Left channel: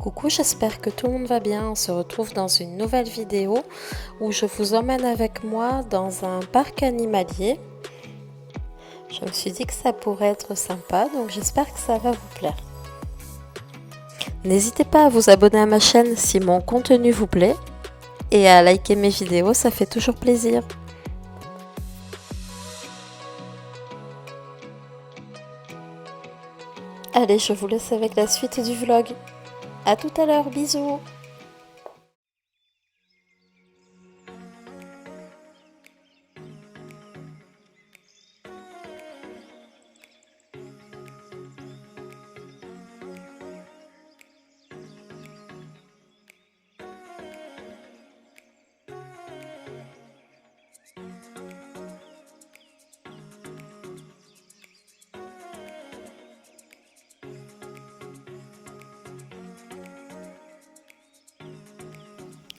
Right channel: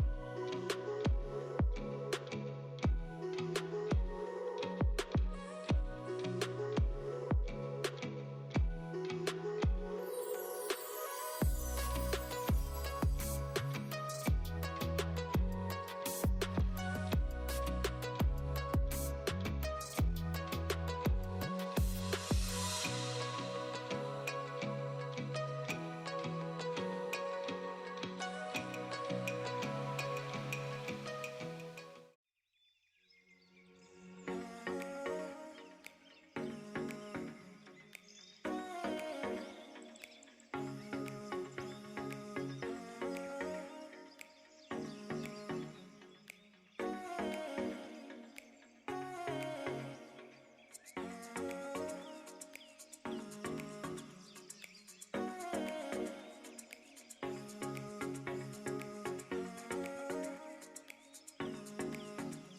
Coucou, j'espère que tout le monde va bien. On se retrouve dans une nouvelle vidéo où je vous emmène avec moi dans un parc animalier. Je me suis dit que ça pourrait être sympa, donc j'espère que ça va vous plaire. N'hésitez pas à vous abonner à ma chaîne si mon contenu vous plaît et à liker mes vidéos, ça fait toujours plaisir. Allez, je vous laisse avec la suite du vlog. À tout à l'heure, bisous!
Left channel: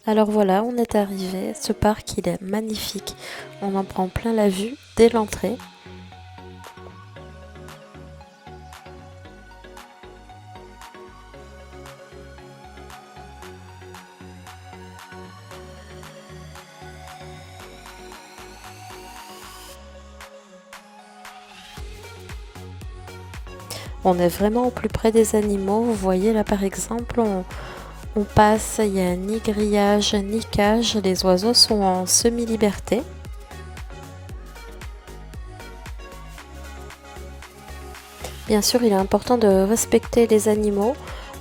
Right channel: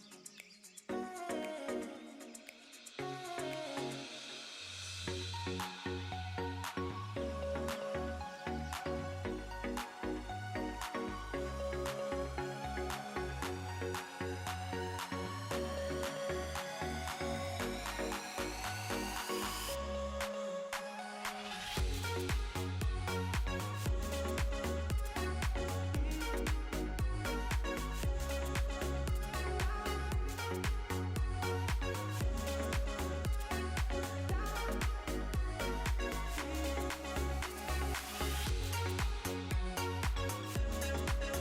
Alors voilà, on est arrivé. Ce parc, il est magnifique. On en prend plein la vue dès l'entrée. On est vraiment au plus près des animaux. Vous voyez là par exemple, on passe, il n'y a ni grillage ni cage. Les oiseaux sont en semi-liberté. Bien sûr, il est important de respecter les animaux,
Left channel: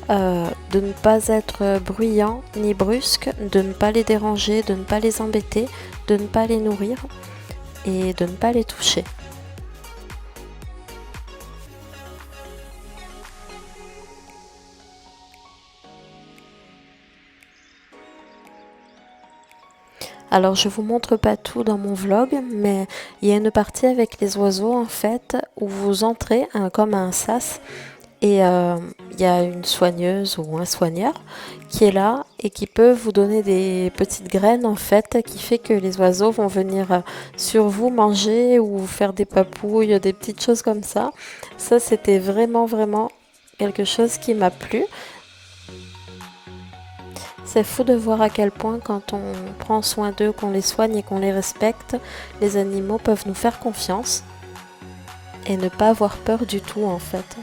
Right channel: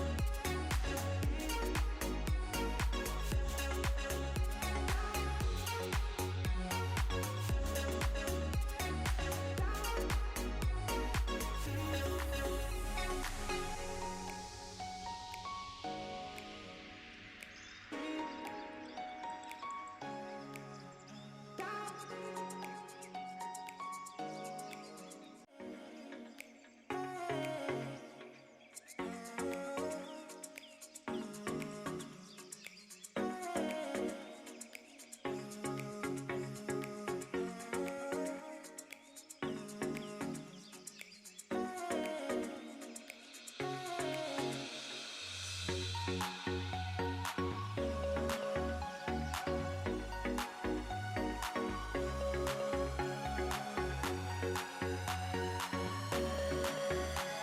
de ne pas être bruyant ni brusque, de ne pas les déranger, de ne pas les embêter, de ne pas les nourrir et de ne pas les toucher. Alors je vous montre pas tout dans mon vlog, mais il y a une partie avec les oiseaux en fait où vous entrez comme un sas et il y a une soigneuse ou un soigneur qui est là et qui peut vous donner des petites graines en fait qui fait que les oiseaux vont venir sur vous manger ou vous faire des papouilles, des petites choses comme ça. Ça c'était vraiment quelque chose qui m'a plu. C'est fou de voir à quel point quand on prend soin d'eux, qu'on les soigne et qu'on les respecte, les animaux peuvent nous faire confiance et ne pas avoir peur du tout en fait.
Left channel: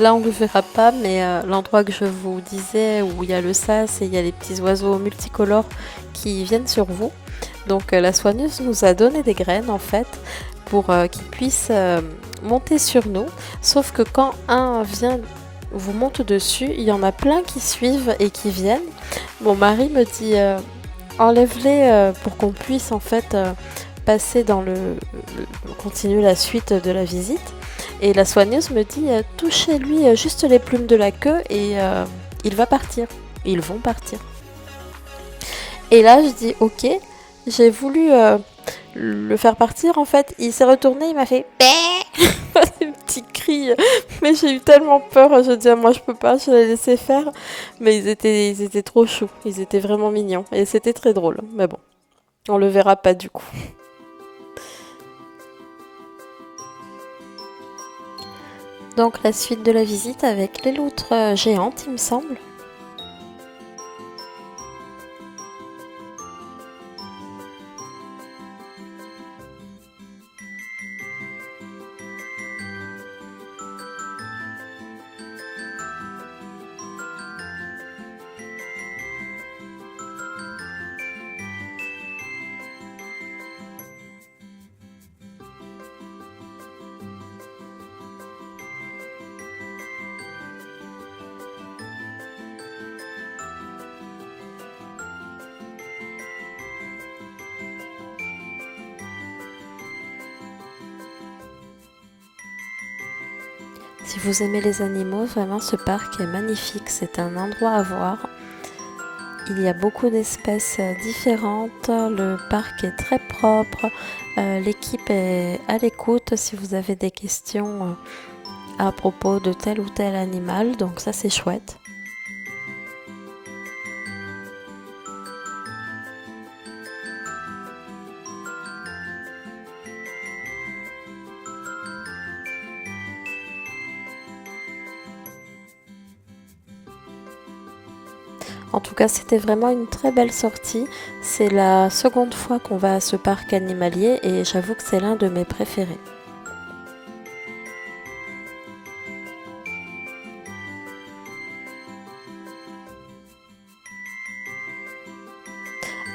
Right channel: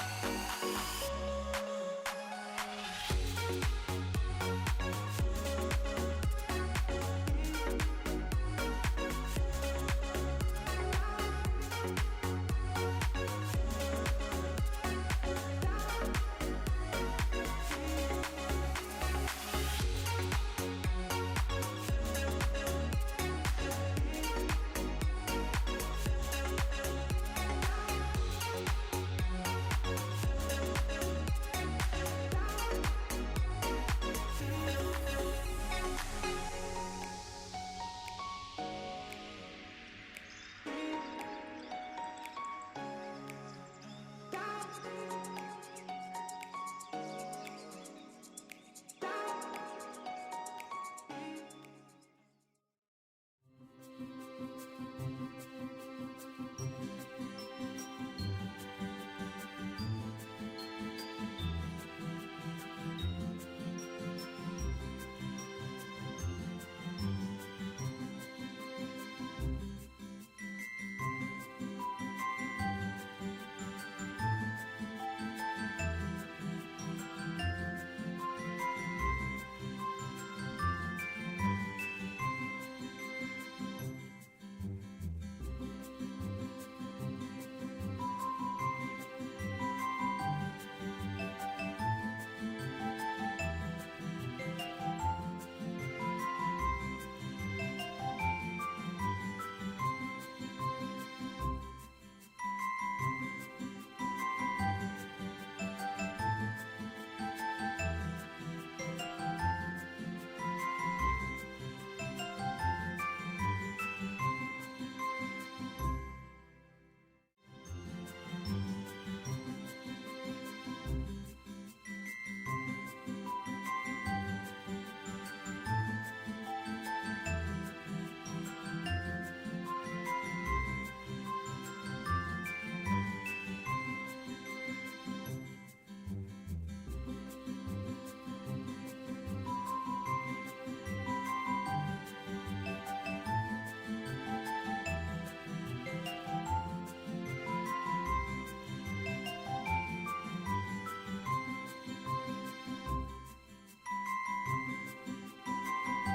Là on ne le verra pas, mais l'endroit que je vous disais où il y a le sas et il y a les petits oiseaux multicolores qui viennent sur vous. Donc la soigneuse nous a donné des graines en fait pour qu'ils puissent monter sur nous. Sauf que quand un vient vous monte dessus, il y en a plein qui suivent et qui viennent. Mon mari me dit enlève-les pour qu'on puisse en fait passer dans continuer la suite de la visite. Et la soigneuse me dit touchez-lui juste les plumes de la queue et il va partir. Ils vont partir. Et là je dis ok, j'ai voulu le faire partir en fait. Il s'est retourné, il m'a fait des petits cris, mais j'ai eu tellement peur. Je dis moi je peux pas, je les laissé faire. Mais ils étaient trop choux, ils étaient vraiment mignons et c'était très drôle. Mais bon, on le verra pas du coup. Donc la suite de la visite avec les loutres géantes, il me semble. Si vous aimez les animaux, vraiment ce parc est magnifique, c'est un endroit à voir. Il y a beaucoup d'espèces différentes, le parc est très propre, l'équipe est à l'écoute. Si vous avez des questions, à propos de tel ou tel animal, donc ça c'est chouette. En tout cas, c'était vraiment une très belle sortie. C'est la seconde fois qu'on va à ce parc animalier et j'avoue que c'est l'un de mes préférés.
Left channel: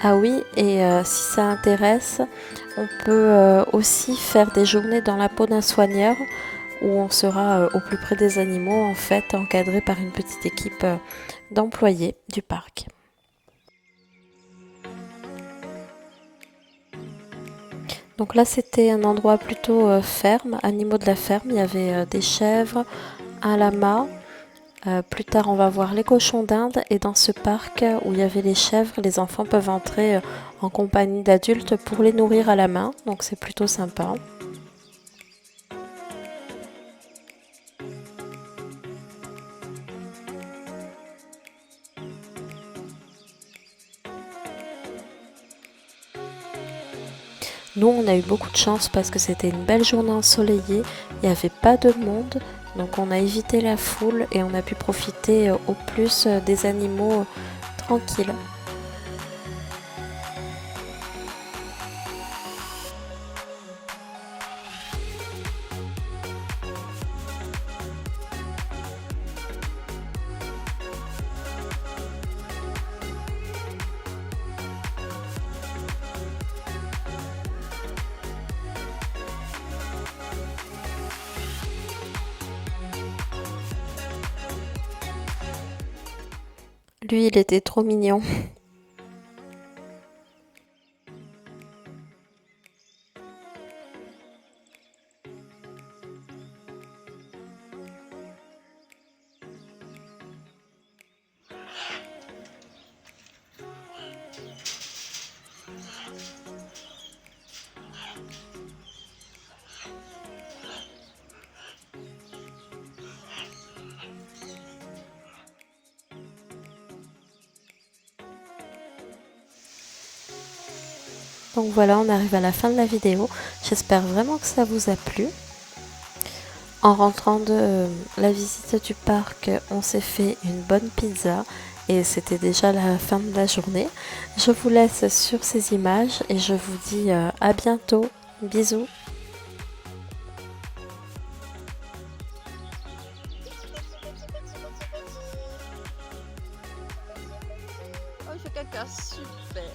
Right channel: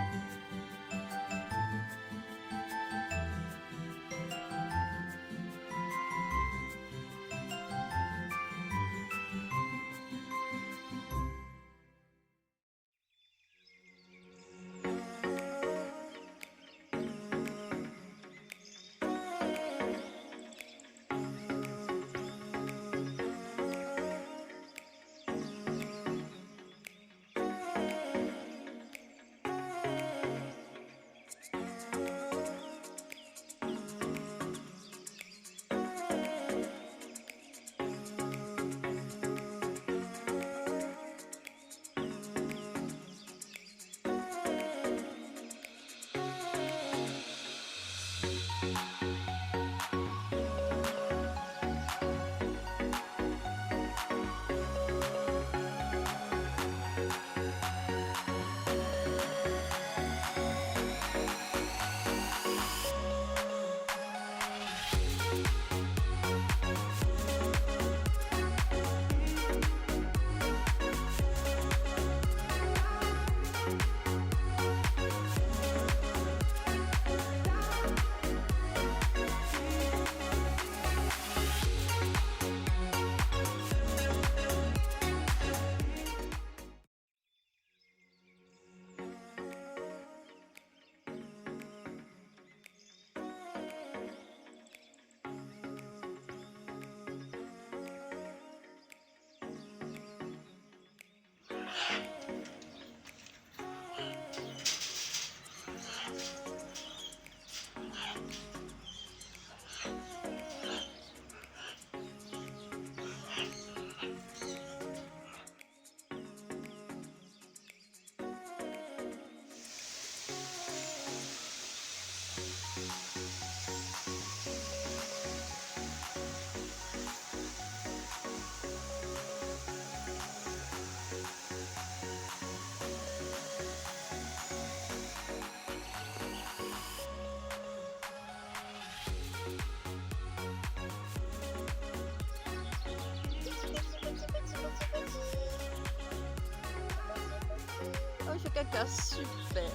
Ah oui, et si ça intéresse, on peut aussi faire des journées dans la peau d'un soigneur où on sera au plus près des animaux, en fait, encadré par une petite équipe d'employés du parc. Donc là, c'était un endroit plutôt ferme, animaux de la ferme. Il y avait des chèvres, un lama. Plus tard, on va voir les cochons d'Inde. Et dans ce parc où il y avait les chèvres, les enfants peuvent entrer en compagnie d'adultes pour les nourrir à la main. Donc c'est plutôt sympa. Nous, on a eu beaucoup de chance parce que c'était une belle journée ensoleillée, il n'y avait pas de monde, donc on a évité la foule et on a pu profiter au plus des animaux tranquilles. Lui, il était trop mignon. Donc voilà, on arrive à la fin de la vidéo. J'espère vraiment que ça vous a plu. En rentrant de la visite du parc, on s'est fait une bonne pizza et c'était déjà la fin de la journée. Je vous laisse sur ces images et je vous dis à bientôt. Bisous. Oh, il fait caca, super.